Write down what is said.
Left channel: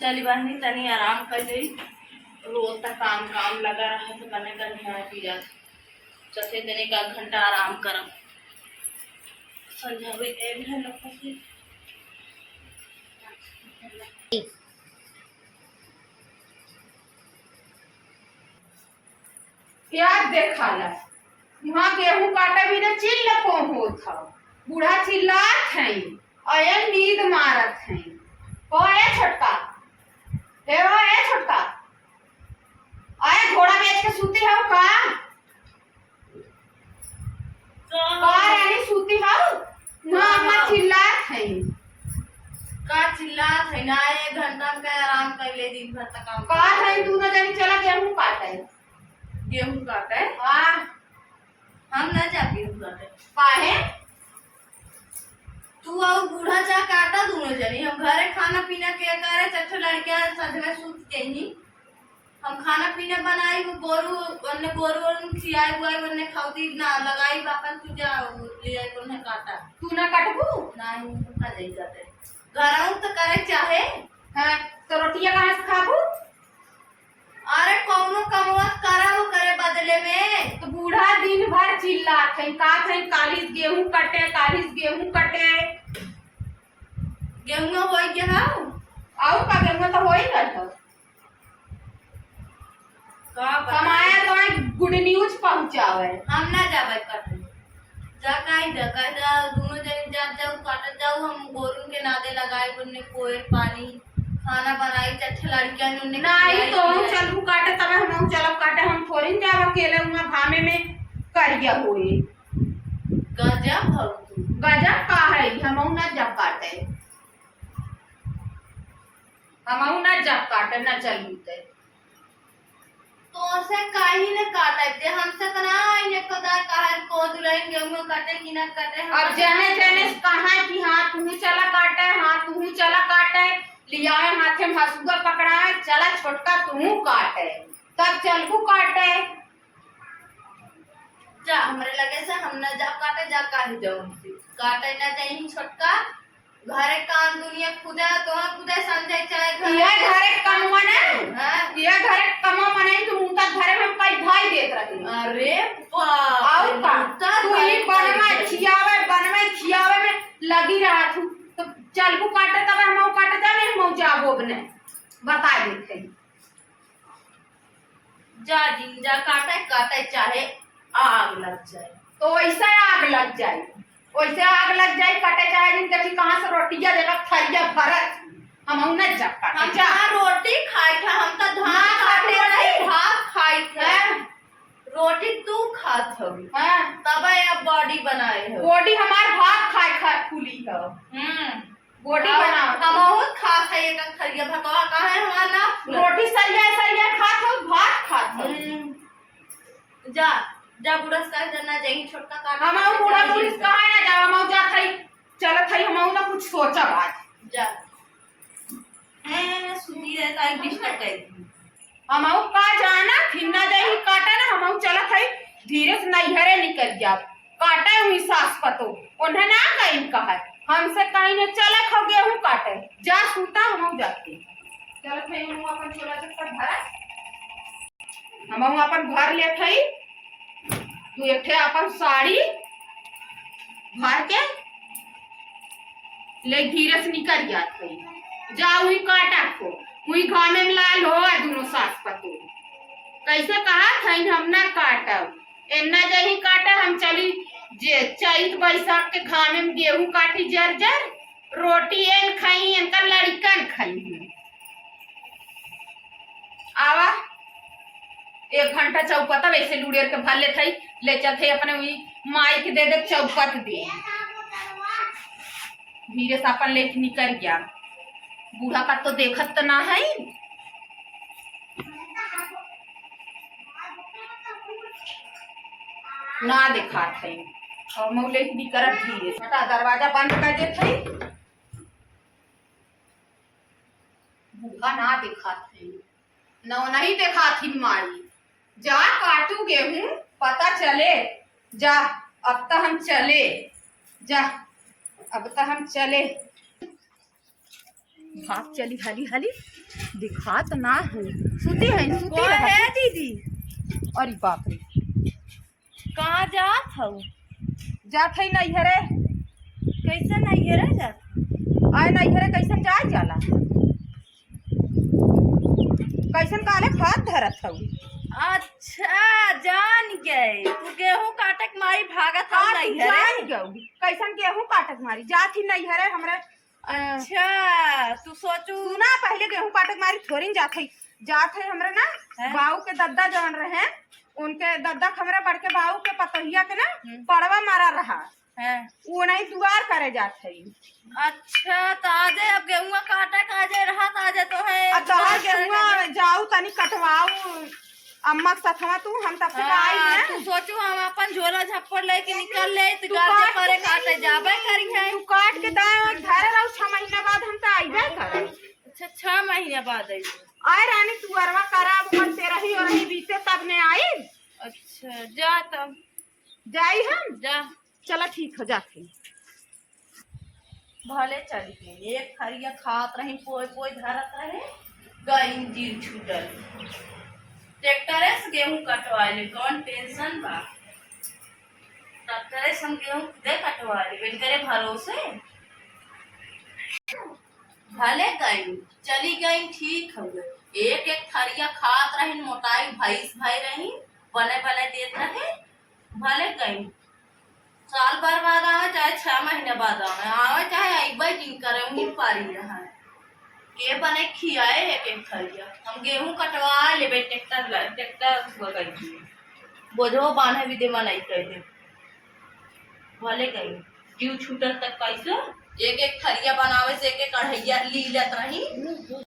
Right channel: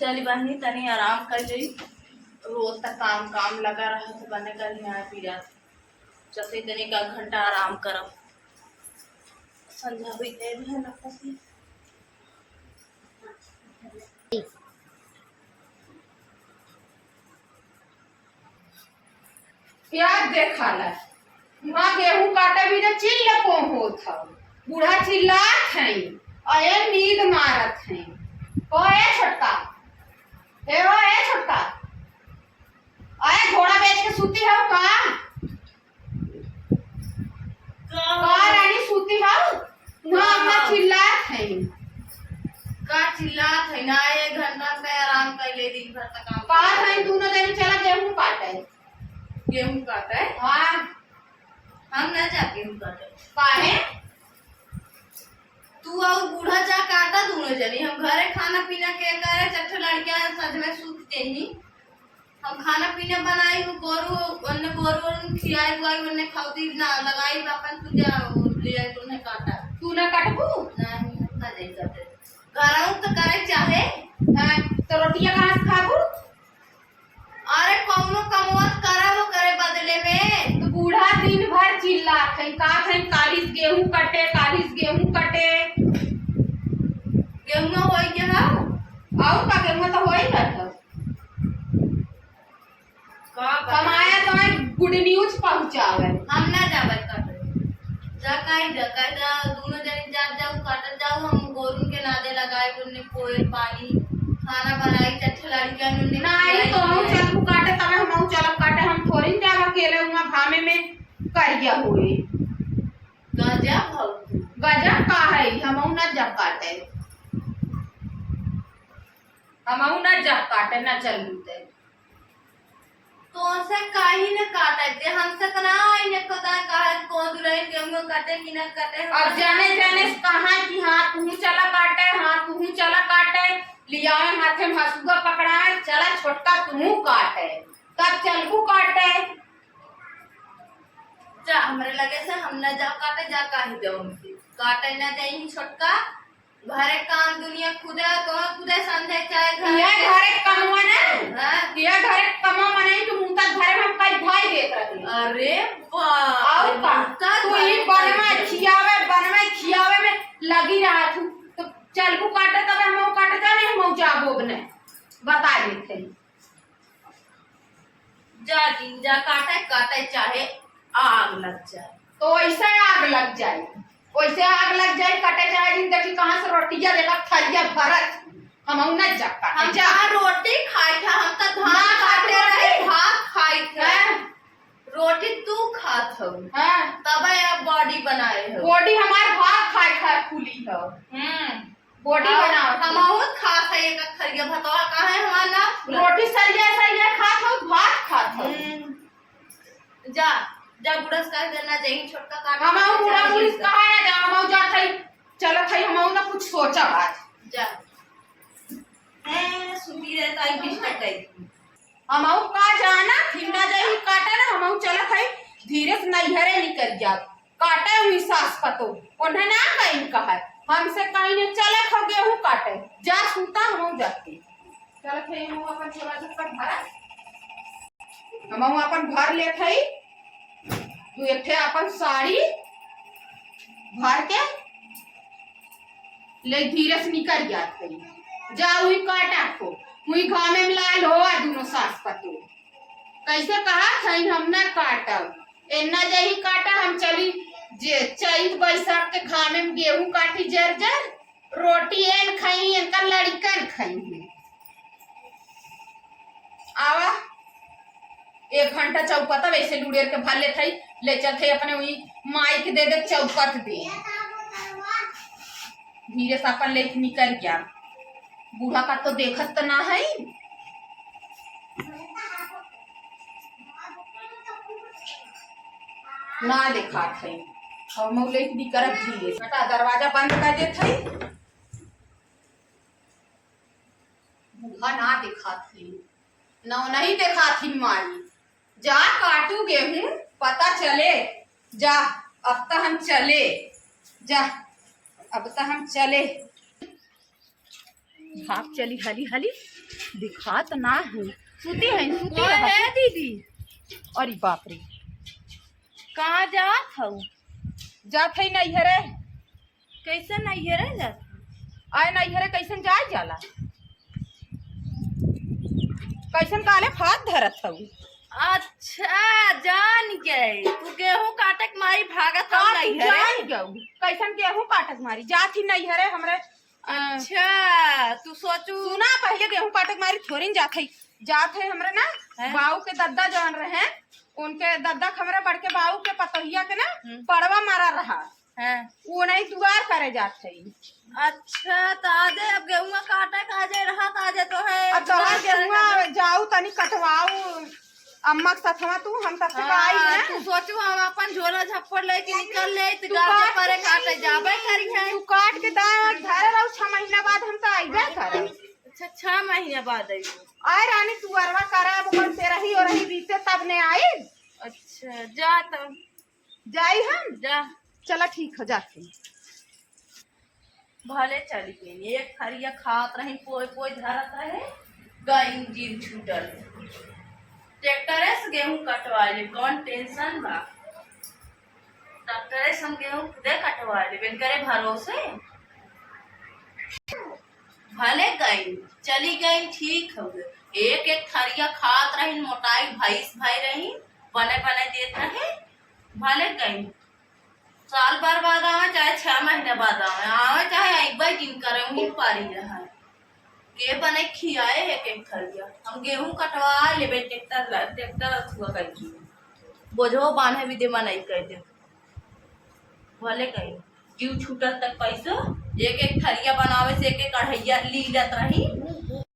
चली बहनी तनी आराम कर ली। रोज तक काम काम लगा रहा तो बने का निहार पिया चौथे दिन का घंटा आराम करब संध्या भी ए भी है लगता से प्याज देखा ला वहाँ गेहूं काटा भी ना चिल्ला कौन हो था बूढ़ा चिल्लात है अये नींद मारत है ओ ए छोटका ए छोटका अये घोड़ा बेच के सूती हो का रानी सूती हो वहाँ अम्मा चिल्लात है का चिल्लात है ना। एक घंटा पे आराम कर ले दिन भर तक काम का है दोनों जन चला गेहूं काटे गेहूं काटे हाँ हम ना जा गेहूं काटे काहे तू और बूढ़ा जा काटा दोनों जनी हम घरे खाना पीना के करे चट्टे लड़कियां सज में सूत देही हम खाना पीना बनाई गोरू अन्ने गोरू खियाई हुआ अन्ने खाउती ना लगाई अपन तुझा ले आई तो नहीं काटा तू ना काटबू नहीं का जाई काटे घरऊ तो करे चाहे हां तो रोटियां कहां से खाबू अरे कौनो कमवत करे वो करे बदले में तो बूढ़ा दिन भर चिल्लात है का थे कालीस गेहूं कटे गेहूं होई के हां और का गेहूं तो होई ना तो का कमाया तो गुड न्यूज पहुंचावे हम ना जावे काटे जा दोनों जने जा जाऊ काटे जाऊ हम गोरू के नादे लगाए उन्ने कोयल पानी खाना बनाई चट्टे लड़कियां ने नहीं तो हम चलू काटे तब हम चलब काटे हम थोड़ी जाव अकेले उमा भामे में करिया हुई गजब हो गजब का है हम ना जब काटे ना चलू ते तो से काहे न काटे दे हमसे कना इने कदा काहे को दुलाई गेहूं काटे कि ना काटे अब जाने कहा कि हां तू चला काटे लियाए हाथे में हसुआ पकड़ाए चला छोटका तू काटे तब चलबू काटे जा हमरे लगे से हम न जा काटे जा काहे जाऊं से काटे ना जाई छोटका घरे काम दुनिया खुदा तो खुदा समझे चाहे घरे कमवा ना हां ये घरे कमवा मनाई तो मुंता घरे में पाई भाई देत रही अरे बाप और का तू ही बनवे खियावे में लगी रहा तू तो चलबू काटे तब हम काटे जाने हम जाबो ने बता देते जा दिन जा काटे चाहे आग लग जाए तो ऐसा आग लग जाए कटे चाहे दिन देखी कहां से रोटियां देला थरिया भरत हम न जब काटे हम जा रोटी खाई था हम तो धान काटे रहे भात खाई थे रोटी तू खात हो हां तब अब बॉडी बनाए हो बॉडी हमार भात खाए फूली हो बॉडी बना हम बहुत खात है एक थरिया भतवा का है हमारा रोटी सरिया खात हो भात खात हो जा बुढ़स का करना चाहिए छोटका काट हम बूढ़ा पुलिस कहां ना जा हम जा थई चलत हई हम ना कुछ सोचा आज जा सुनी रहता है डिस्टर्ब कर हम का जाना फिरना जाई काटा ना हम चलत हई धीरे से नैहरे निकल जा काटे हुई सास पतो उन्हें ना कहीं कहा हमसे कहीं ने चले खो गेहूं काटे जा सूता हम जाती चलत हई हम अपन छोरा से भर हम अपन भर लेत हई तू एक ठे अपन साड़ी भर के ले धीरे से निकल जात है जा हुई काटा को हुई घामे में लाल हो दोनों सास पतो कैसे कहा थई हम ना काटब एन्ना जही काटा हम चली जे चैत बैसाख के घामे में गेहूं काटी जर रोटी एन खाई इनका लड़कन खाई आवा 1 घंटा चौपता वैसे लुड़ेर के भर ले थई ले चलते अपने वही माई के दे चौपत दे धीरे से अपन ले निकल गया बूढ़ा का तो देखत तो ना है ना देखा थे और मौले भी करत धीरे बेटा दरवाजा बंद कर दे थे बूढ़ा ना देखा थे ना नहीं देखा थी माई जा काटू गेहूं पता चले जा अब तो हम चले जा अब तो हम चले भाग चली हली हली, दिखा तो ना है, सुती है सुती कौन रहा है दीदी? अरे बाप रे, कहाँ जात हूँ? जात है नैहरे। कैसे नहीं रह जात? आए नैहरे कैसन जाए जाला, कैसन काले फात धरत हूँ। अच्छा जान गए, तू गेहूं काटे के मारी भागत हूँ नहीं है? कैसन गेहूं काटक मारी जात ही नैहरे हमरे। अच्छा तू सोचू सुना, पहले गेहूं काटक मारी थोड़ी जात है हमरे ना, है? बाऊ के दद्दा जान रहे, उनके दद्दा खमरे बढ़ के बाऊ के पतोहिया के ना पड़वा मारा रहा है, वो नहीं दुआर करे जात है। अच्छा तो आजे अब गेहूं काटे का आजे रहा आजे तो है अब तोहर गेहुआ जाऊ तनी कटवाऊ अम्मा के साथ तू, हम तब तक आई हाँ, है। तू सोचू हम अपन झोला झप्पड़ लेके निकल ले तो तू गाजे काट परे के काटे जाबे करी है। तू काट के दाव धरे रहो, 6 महीना बाद हम तो आइबे करे। अच्छा 6 महीने बाद आई? आए रानी तू अरवा करा अपन तेरा ही और ही बीते तब ने आई। अच्छा जा तब जाई हम जा, चला ठीक हो जाती। भले चली गई, एक खरिया खात रही पोई पोई धरत रहे, गई जीव छूटल। ट्रैक्टरे से गेहूं कटवा ले, कौन टेंशन बा, ट्रैक्टरे से हम गेहूं खुदे कटवा ले बिन करे भरोसे। भले गई चली गई ठीक हो गए, एक एक थरिया खात रही, मोटाई भैंस भाई रही, बने बने देत रहे। भले गई, साल भर बाद आवे चाहे 6 महीने बाद आवे चाहे एक बार दिन करे उन्हीं पारी रहा है के बने खियाए एक एक थरिया। हम गेहूं कटवा लेबे ट्रैक्टर हुआ कही बोझो बांधे भी दे नहीं कह दे। भले गई जीव छूटल तक पैसे, एक एक थरिया बनावे से एक एक कढ़ैया ली लेत रही।